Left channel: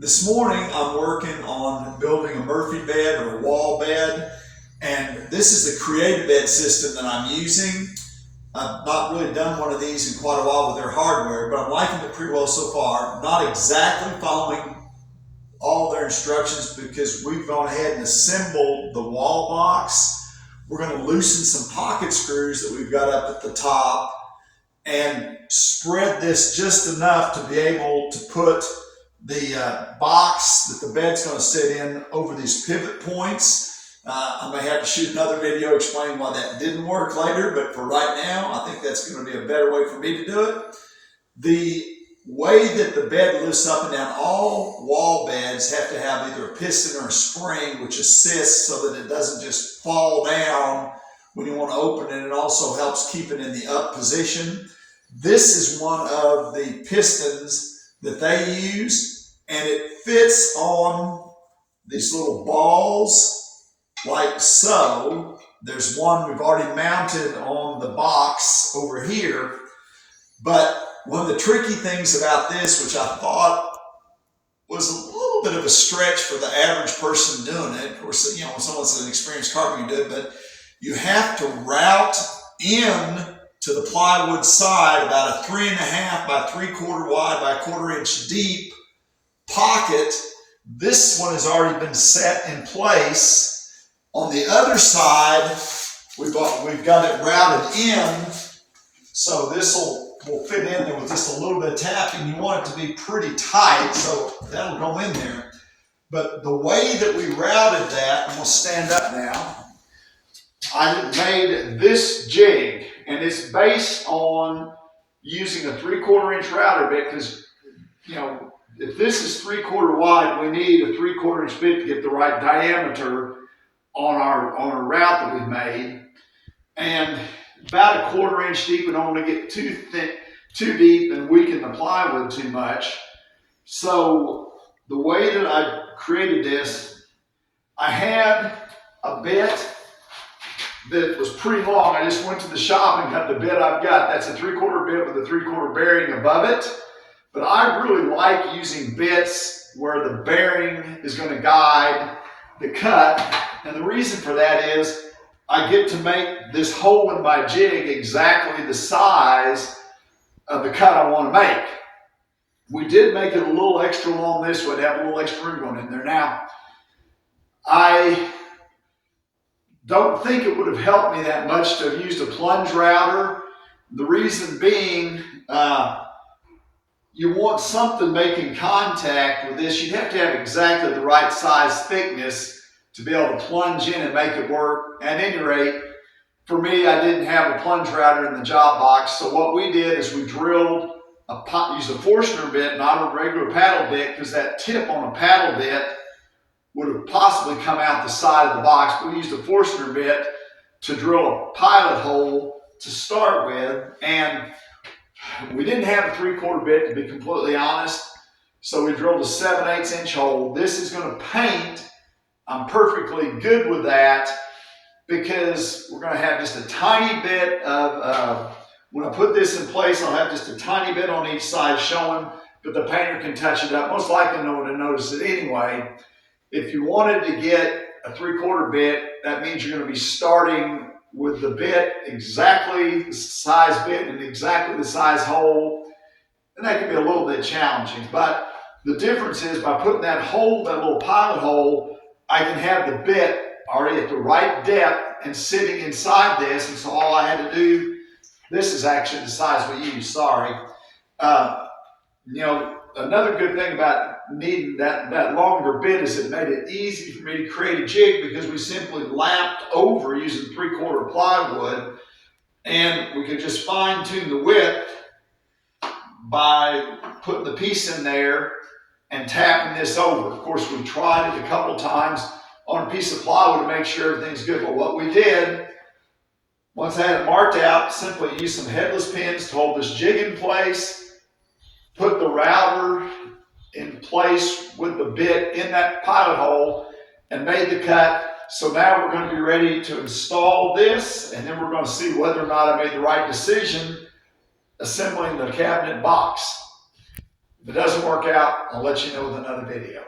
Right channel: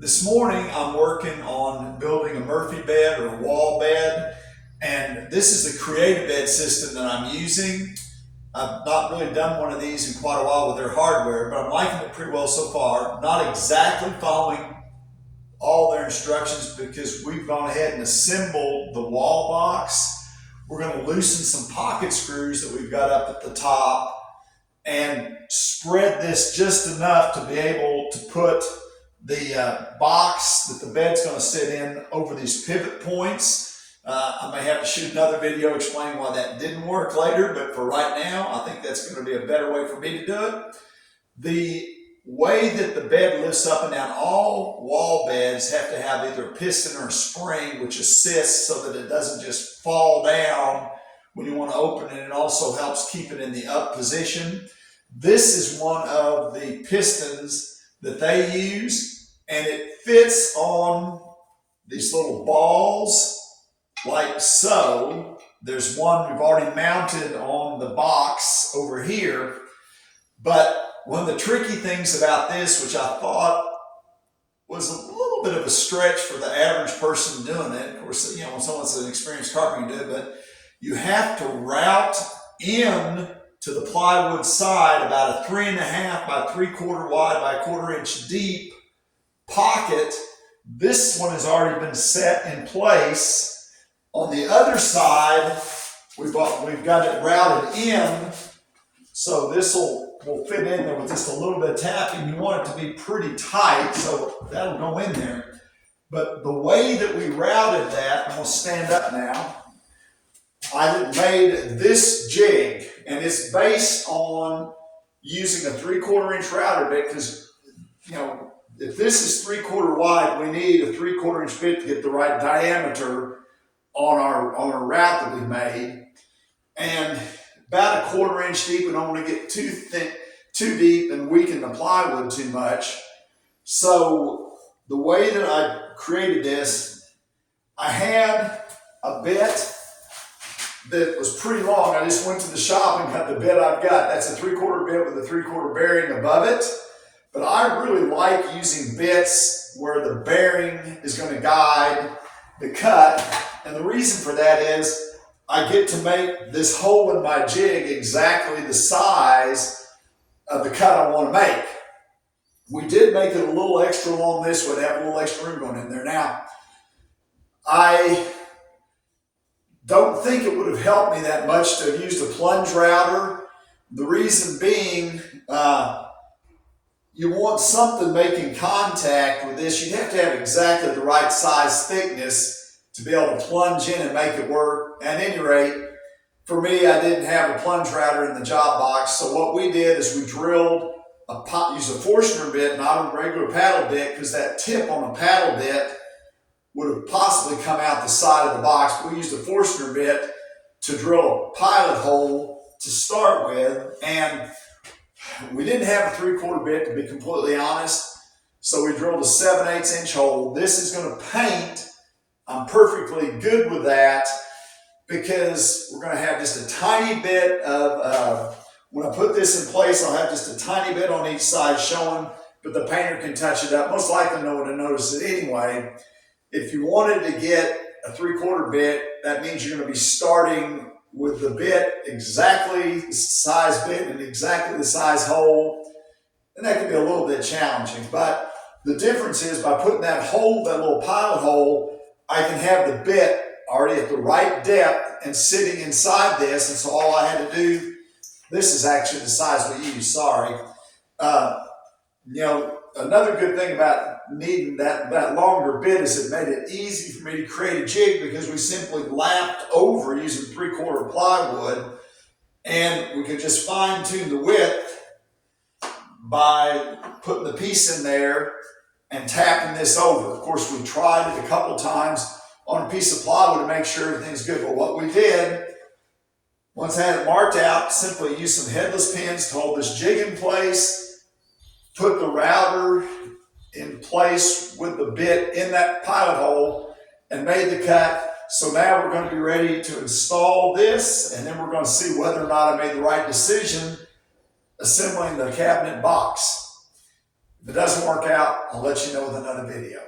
This morning I'm working on building a Murphy bed or a wall bed, and this is the creative bed system that I'm using. I've not really done one of these in quite a while with their hardware, but I'm liking it pretty well so far. Not exactly following all their instructions because we've gone ahead and assembled the wall box. We're going to loosen some pocket screws that we've got up at the top and spread this just enough to be able to put the box that the bed's going to sit in over these pivot points. I may have to shoot another video explaining why that didn't work later, but for right now, I think that's going to be a better way for me to do it. The way that the bed lifts up and down, all wall beds have to have either a piston or a spring which assists so that it doesn't just fall down when you want to open it. It also helps keep it in the up position. This is one of the pistons that they use, and it fits on these little balls like so. There's one we've already mounted on the box over here, but one of the tricky things about this, which I thought was a little bit of a stretch for the average person doing it, of course, you know, when someone's an experienced carpenter do it, but you have to route in to the plywood side about a 3.5 by 3/4 wide by 1/4 inch deep pocket. This one has already been set in place. On the other side, we've got it routed in, so this will fit in there with just a little bit of tapping. You want it to be pretty tight, so that'll go in there. But the way that we routed that, I'm going to stand up now. I made this jig, and it's based on using a 3/4 inch router bit because, you know, if this is 3/4 wide, we need a 3/4 inch bit to get the right diameter on our route that we made. And about a 1/4 inch deep, we don't want to get too thick, too deep and weaken the plywood too much. So the way that I created this, I had a bit that was pretty long. I just went to the shop and got the bit I've got. That's a 3/4 bit with a 3/4 bearing above it. But I really like using bits where the bearing is going to guide the cut. And the reason for that is I get to make this hole in my jig exactly the size of the cut I want to make. We did make it a little extra long this way to have a little extra room going in there. Now, I don't think it would have helped me that much to have used a plunge router. The reason being, you want something making contact with this. You'd have to have exactly the right size thickness to be able to plunge in and make it work. At any rate, for me, I didn't have a plunge router in the job box. So what we did is we drilled used a Forstner bit, not a regular paddle bit, because that tip on a paddle bit would have possibly come out the side of the box. We used a Forstner bit to drill a pilot hole to start with, and we didn't have a 3/4 bit, to be completely honest, so we drilled a 7/8 inch hole. This is going to paint. I'm perfectly good with that because we're going to have just a tiny bit of, when I put this in place, I'll have just a tiny bit on each side showing, but the painter can touch it up. Most likely no one will notice it anyway. If you wanted to get a 3/4 bit, that means you're going to be starting with the bit exactly the size bit and exactly the size hole, and that can be a little bit challenging. But the difference is by putting that hole, that little pilot hole, I can have the bit already at the right depth and sitting inside this, and so all I had to do, this is actually the size we use, sorry. You know, another good thing about needing that longer bit is it made it easy for me to create a jig because we simply lapped over using 3/4 plywood, and we could just fine tune the width by putting the piece in there and tapping this over. Of course, we tried it a couple times on a piece of plywood to make sure everything's good, but what we did, once I had it marked out, simply used some headless pins to hold this jig in place, put the router in place with the bit in that pilot hole, and made the cut. So now we're going to be ready to install this, and then we're going to see whether or not I made the right decision assembling the cabinet box. If it doesn't work out, I'll let you know with another video.